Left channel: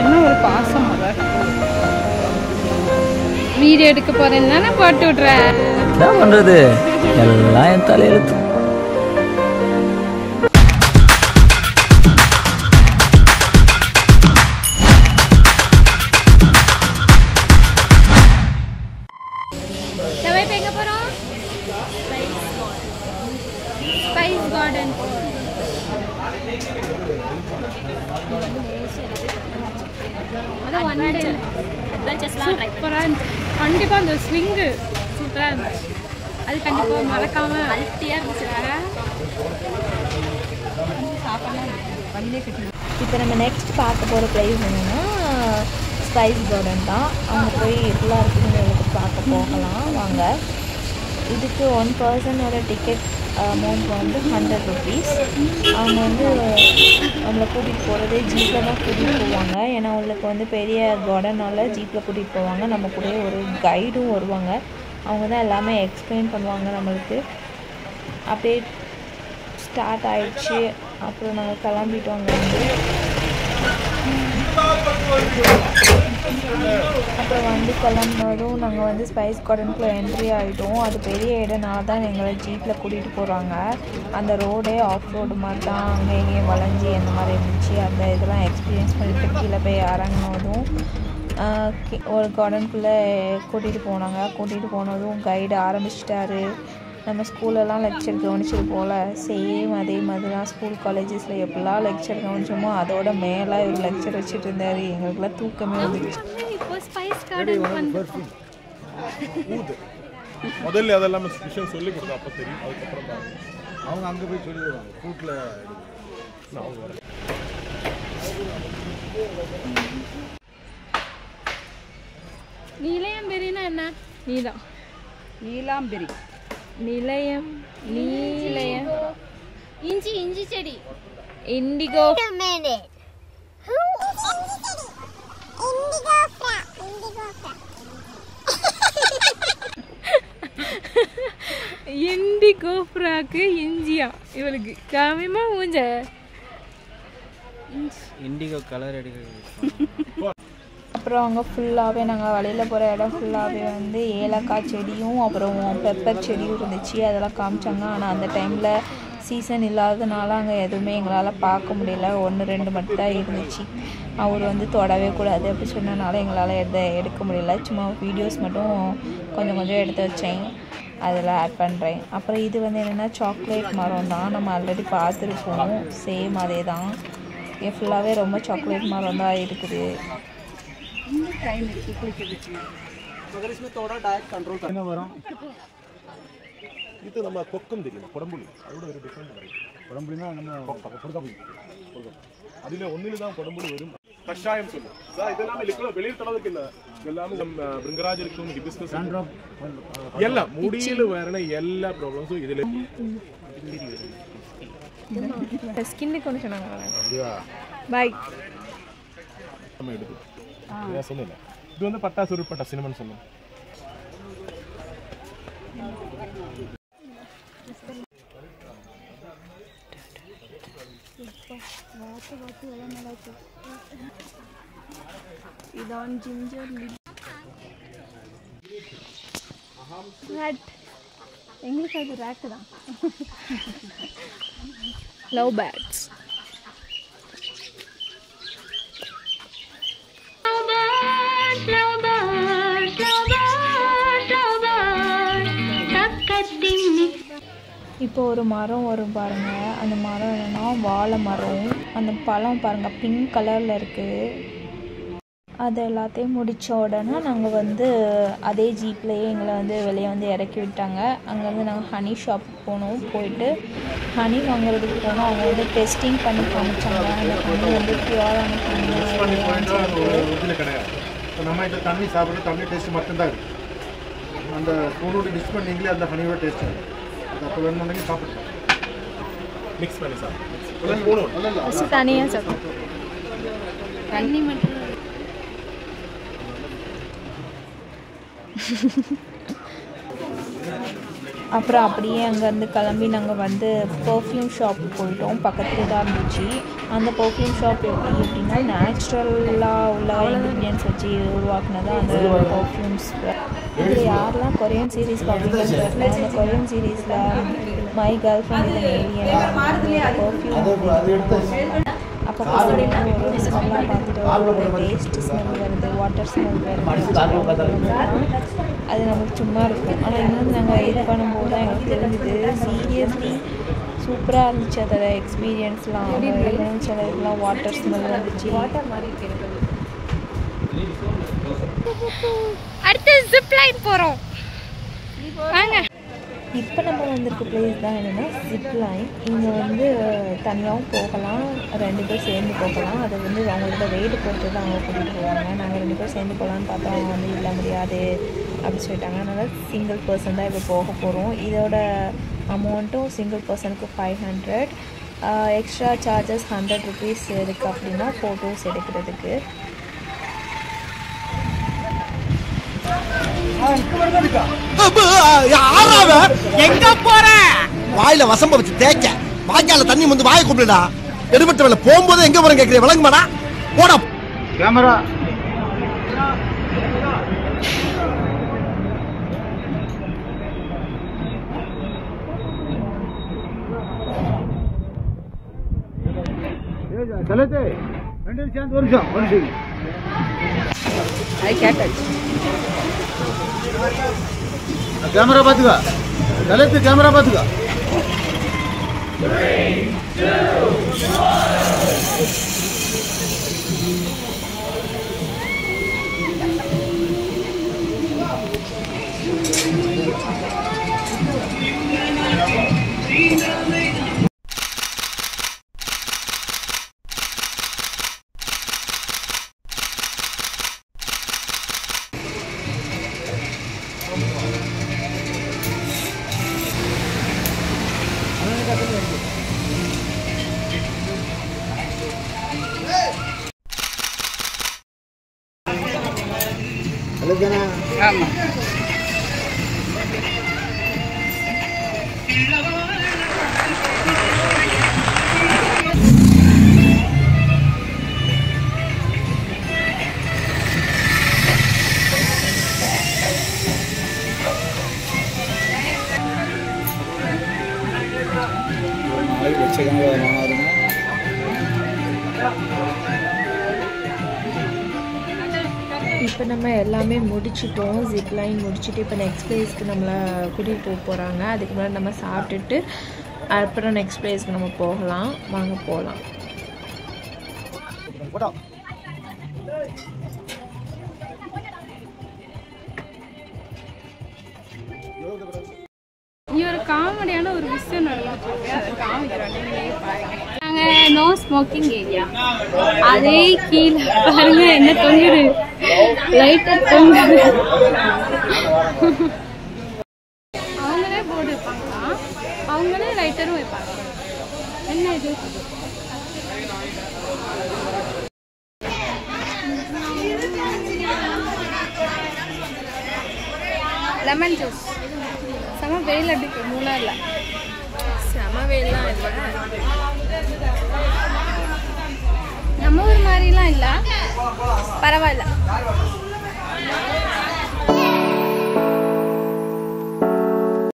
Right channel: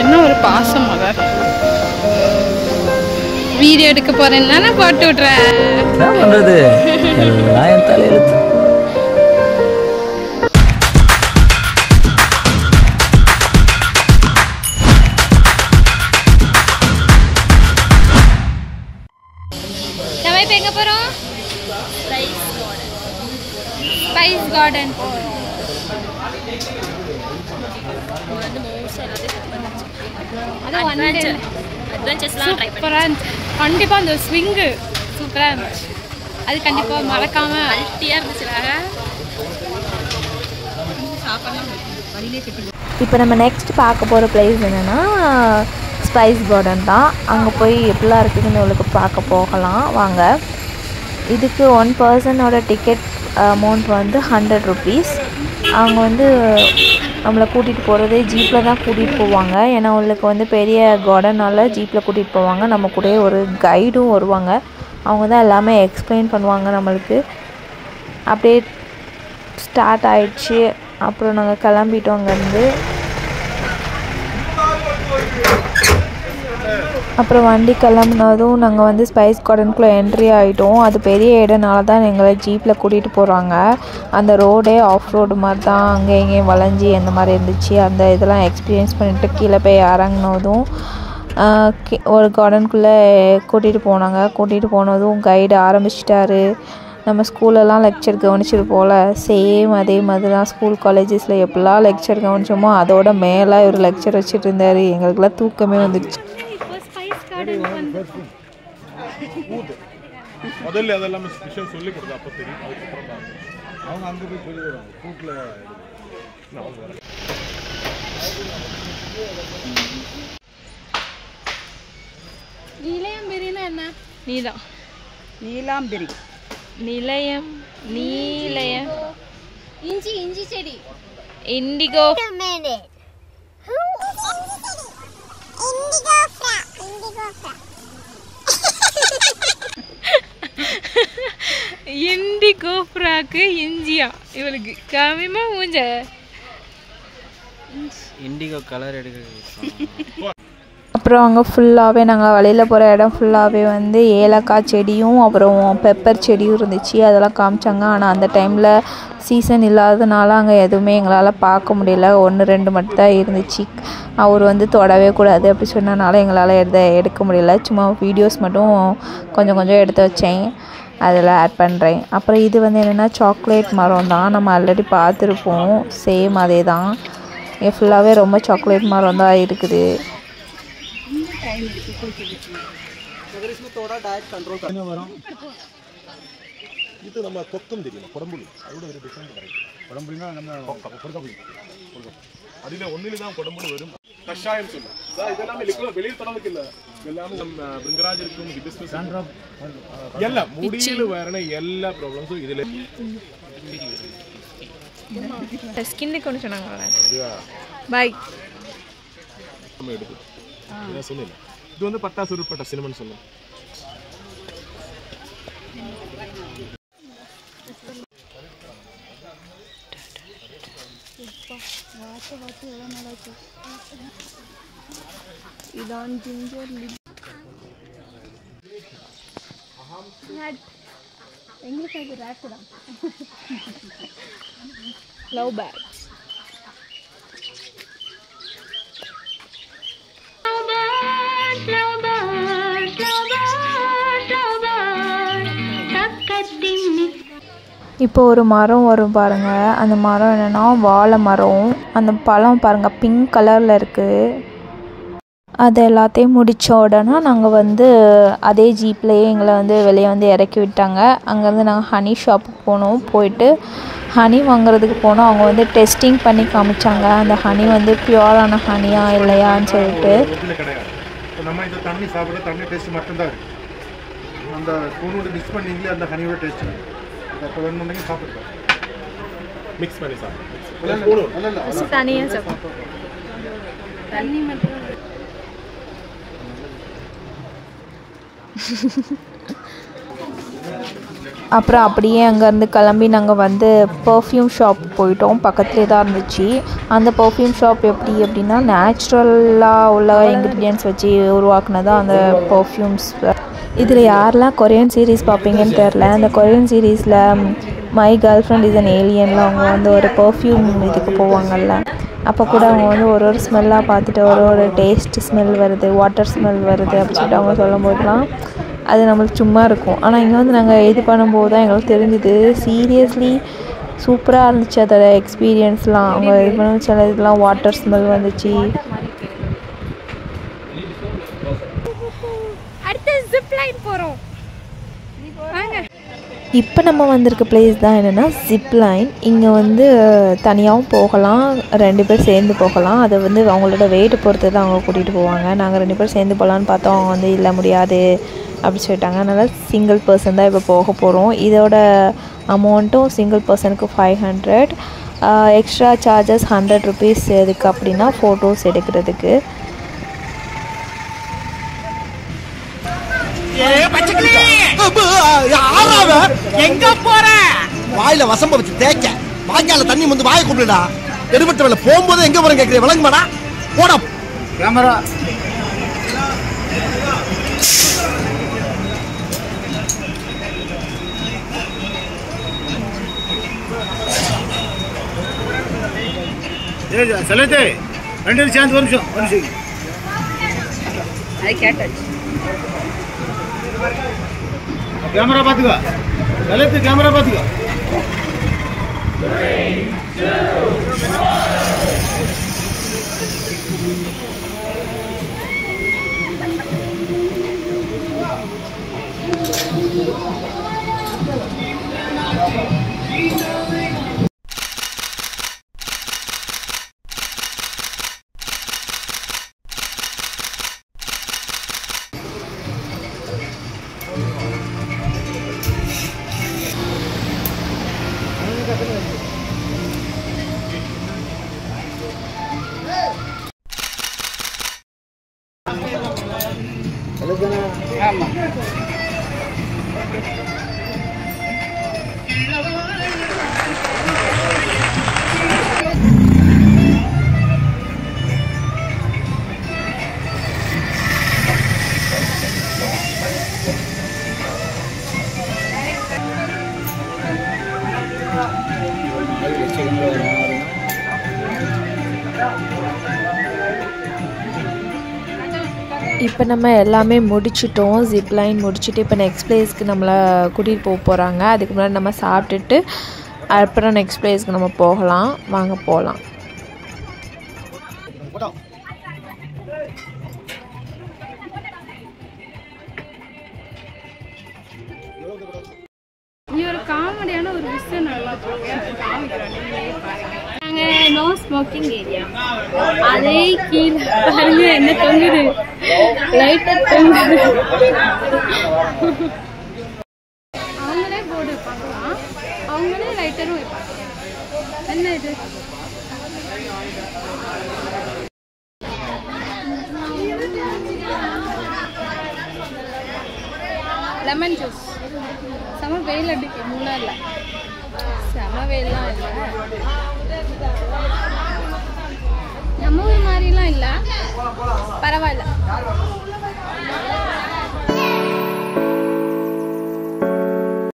என்ன ஒரு பாசம் மக. வீடியோ எடுக்க போறேன்னா நான் போட்டு விட்றேன். என்ன பண்றது, எல்லாம் என் தலையெழுத்து. நம்ம இப்போ எங்க போறோம்? ஸ்பைஸ் கார்டன் போறோம். அது அட்வென்ச்சர்ஸ்லாம் ட்ரை பண்ணேன். கண்டிப்பாக அந்த ஸ்விங்கு சூப்பராக இருந்துச்சு. அது கண்டிப்பாக மறக்காமல் அல்ட்டியாக இருந்துச்சு. இப்போ நம்ம நெக்ஸ்ட் பார்க்க போகிற பிளேஸ் என்னென்னா ஸ்பைஸ் கார்டன் தான். அங்கே போய் எப்படிலாம் இருக்குதுன்னு உங்களுக்கு பார்க்க போகலாம் வாங்க. இதுக்கு 1 பர்சனோட டிக்கெட் அமௌண்ட் வந்து 100 rupees. அவங்க வந்து நம்மளை கூட்டிகிட்டு போகிறதே ஜீப்பில் தான் கூட்டிகிட்டு போவாங்க. ஏன்னா அவங்களுக்கு வந்து பெரிய கார்டனால் ஜீப்பில் கூட்டிகிட்டு போவாங்க. நம்ம கூட ஒரு கைடும் வருவாங்க. அவங்க தான் எல்லாமே எக்ஸ்பிளைன் பண்ணுவாங்க நம்மளுக்கு. அப்படியே ஸ்டார்ட் ஆகிடுச்சு. அப்புறம் நாங்கள் கிளம்பிட்டோம் அங்கேருந்து. அப்புறம் வண்டி கிளம்புனதும் நாங்கள் வந்து ஸ்பைஸ் கார்டனுக்குள்ளே என்ட்ரி ஆகிட்டோம். அது பெரிய இடனால தான் எங்களை ஜீப்பில் கூட்டிகிட்டு போகிறாங்க. அந்த ரோடே ஆஃப் ரோடு மாதிரி தான், அங்கே இங்கேயும் வளைஞ்சி அந்த மாதிரி இருந்துச்சு. அந்த இதெல்லாம் எக்ஸ்பீரியன்ஸ் பண்ணிவிட்டு கீழே போய் இறங்கினதும் ஒரு கார்டனுக்குள்ளே கூட்டிகிட்டு போனாங்க. கூட்டிகிட்டு போனதும் கைடு ஆரம்பிச்சிட்டாரு. நம்ம ஸ்கூலெல்லாம் லெக்சர் கவனிச்சது போல் சேம் அதே மாதிரி தான் ஸ்கூல் காலேஜஸில் எப்படிலாம் லெக்சர் கவனிச்சோமோ அதோட மேலே ஒரு லெக்சர் வச்சுட்டு இருந்தார். எங்களுக்கெல்லாம் தூக்கமே வந்துடுச்சு. முதல்ல அதெல்லாம் விஷயம் சொல்லி கொடுத்தா அப்போ தெரியும். அதுக்கப்புறம் தான் அவங்க அங்கே போய் சொல்லி வருவாங்க கூட்டில். நீலாம்பெரினா என்ன? நீலம் நீலாம்பெரி நிலையம் நீலயம் இஞ்சி இஞ்சி செடி இண்டிகோ இண்டிகோ ஃப்ராக்கு இஞ்சியா இவளுக்கு காமியமா மூஞ்ச இண்டிகோ கலர் எடுக்கிறது. அப்புறம் அங்கே ஃபுல்லாகவே நாங்கள் வழியில் போகிற இடம் ஃபுல்லாகவே வந்து ஏலக்காய் செடியும் அப்புறம் பெப்பர் செடியும் இருந்துச்சு. அதெல்லாம் காமிச்சாங்க. ஆனால் அந்த டைமில் சீசன் இல்லாததுனால அங்கே எதுவுமே எங்களால் பார்க்க முடியல. 1-2 மட்டும் தான் இருந்துச்சு. அவர் வந்து தொடவே கூடாது அப்படி சொன்னனால எங்களால் எடுக்க முடியல. சும்மா வீடியோஸ் மட்டும் கொஞ்சம் கொஞ்சம் எடுத்து வச்சேன், அதில் ஆட் பண்ணுறேன். அப்புறம் இது வந்து என்னென்னா சாக்லேட் மரம் தான். நம்ம ஆல்ரெடி பார்த்துருப்போம். சேம் அதே தான். இங்கே ஃபுல்லாகவே ரொம்ப சாக்லேட் மரம் தான் இருக்குது. मगर इसमें थोड़ा डाइट कंट्रोल करना वरम இது நம்ம கொக்கம் தெரியல கொடம்புளி அதோட ஒரு டிஃபரண்ட் வரும். கொடம்புளினா நம்ம கொடம்புளி அதில் ஒன்றில் தான் கொடம்புளி வரும். கஷாயம் சொல்லுவோம் சார். இதெல்லாம் வெளியில் தடவுக்கு இல்லை. எல்லாமே நம்ம பிரிங்கராஜ் இருக்கும், ஹிபிஸ்கஸ் எல்லாம் முடியில் வர எல்லா ப்ராப்ளம்ஸும் இதில் ஸ்கின்னுக்கு ஒன்று சொன்னாங்களா? பாய் எடுக்குது. நான் சொன்னேன் இது வந்து பட்டாசு உருப்பட்ட சினிமன் சொல்லுவோம். இதான் ஜிஞ்சர் எங்களுக்கு அது ரேட்டு தான். லவ் பேர்ட்ஸ் இப்போ ஒரு மரம் வரும் பாருங்கள். அந்த மரம் என்னென்னா வாழை மரம். அந்த பழம் பாருங்கள் பிங்க் கலரில் இருக்குது. அது எல்லாத்தையும் முடித்த உடனே நாங்கள் வந்து அதே ஜீப்லேயே எங்களை வந்து வெளியே வந்து இறக்கி விட்டாங்க. அங்கேருந்து நாங்கள் ஹனி ஷாப்புக்கு போனோம். போயிட்டு ஹனி வாங்குறதுக்கு போனோம். அவங்க வந்து டெஸ்டிங் பண்ணி காமிச்சாங்க அந்த ஹனி வந்து பியூரான ஹனியா இல்லையான்னு சொல்லிட்டு. நம்ம இந்த தண்ணி சாப்பிட்ற தண்ணி டேஸ்ட் மட்டும்தான் இருக்குது. அந்த ஸ்பூனோட மிக்ஸ் பண்ணிங்களே அந்த ஹனியோட டேஸ்ட் இருக்குது. அது அப்போ வேணும்னுണ്ടെങ്കിൽ சாப்பிட்டுக்கலாம். மிக்ஸ் பண்ணி சாப்பிடுவோம். தனியாக சாப்பிடுவோம். தண்ணி மட்டும் அப்புறம் அப்படியே அங்கேருந்து கிளம்பி நாங்கள் வந்து பர்ஃப்யூம் ஷாப் போயிட்டோம். பக்கத்துலேயே தான் இருந்துச்சு. அந்த பர்ஃப்யூம் ஷாப் எப்படி அப்படின்னா நேச்சுரலாக உள்ள இன்க்ரீடியன்ட்ஸ் வச்சு உருவாக்குனதான் அந்த பர்ஃப்யூம்ஸ். இதில் யாரெல்லாம் கொரியன் சீரீஸ் பார்ப்பீங்கன்னு தெரில. அந்த கொரியன் சீரீஸில் my girlfriend is an ஏலியனில் அவங்க வந்து ஒரு பர்ஃப்யூம் இதுக்கு போவாங்கல்ல, அப்போ கூட அவங்க வந்து ஒரு ஒரு ஸ்மெல்லாக பார்த்துட்டு ஒரு டேஸ்ட் ஸ்மெல் வருது, வாட்டர் ஸ்மெல் வருது அப்படின்னு சொல்லிட்டு அவங்க சொல்லும் போதுலாம் அது நம்மளுக்கு சும்மா இருக்கும். ஆனால் இங்கே வந்து நாங்கள் இது பண்ணும்போது தான் எங்களுக்கு தெரிஞ்சுது சீரியஸ்லி சூப்பராக இருந்துச்சு அதோட எக்ஸ்பீரியன்ஸ்லாம். அவங்க இது பண்ண சில இதெல்லாம் வாட்டர் ஸ்மெல் வந்துச்சு. அடுத்து ஜிப் லைன் போகிறோம் வாங்க. இப்போ நம்ம வந்திருக்க பிளேஸ் தான் என்னென்னா ஜிப் லைன். இங்கே வந்து தனியாகவும் போகலாம், 2 பேர் சேர்ந்து போகலாம். அதை வந்து அவங்களோட வெயிட் பொறுத்து தான் அவங்க கூட்டிகிட்டு போவாங்க. நாங்கள் 2 பேர் சேர்ந்து போகலான்னு பார்த்தோம். அவங்க வந்து இல்லை முடியாது அப்படி சொல்லிட்டாங்க. அதனால் சிங்கிள் பர்சன் தான் இப்போ போக போகிறோம். இதோட அமௌண்ட்டும் சிங்கிள் பர்சனுக்கு 500, எக்ஸ்ட்ரா சார்ஜஸ் 100 ருபீஸ். எதுக்கு அப்படின்னா ஃபோட்டோஸ் எடுக்கிறதுக்கு. எங்க போற வாயில வசம்ப வச்சு தேய்க்க வாய்க்கால தண்ணி வந்து வாயை கூப்பிடுடா. எடுபட்ட வேலை போகும்போது எங்க போறேன் கேட்கிறேன், விளங்குமாடா? போடா கேமரா. செலுத்து 2 சேர்ந்து ஒரு நிமிஷம் அது கேட்டாச்சு. கேமரா பார்த்துக்கோ, செலுத்து கேமரா பார்த்துக்கோ. ஆமா இப்போ நம்ம எல்லாமே முடிச்சிட்டோம். ஜிப் லைன் முடிச்சுட்டு இப்போ நெக்ஸ்ட் பிளேஸ்க்கு நம்மளை கூட்டிகிட்டு போக போகிறாங்க. அதுக்கு முன்னாடி நம்ம சாப்பிட்டுட்டு அப்புறம் நெக்ஸ்ட் பிளேஸ்க்கு நம்ம போகலாம். வாங்க போகலாம். இங்க ஒரு காமெடியான ஒரு விஷயம் நல்லா காமிக்கிறோம், நீங்களே பாருங்க. நாங்கள் நோ ஸ்மோக்கிங் ஏரியா. அதே கீழே பாருங்க என்ன தொங்குது, லைட்டாக தொங்குது. அவங்களே போர்டு வைப்பாங்களா, அவங்களே லைட்டரும் வைப்பாங்க. என்ன இது? Lemon juice. செம வெயில் அடிக்கு மூணார்ல. செம வெயிலாம் இல்லை, நம்ம ஊர் மாதிரிலாம் இல்லை, பரவாயில்ல.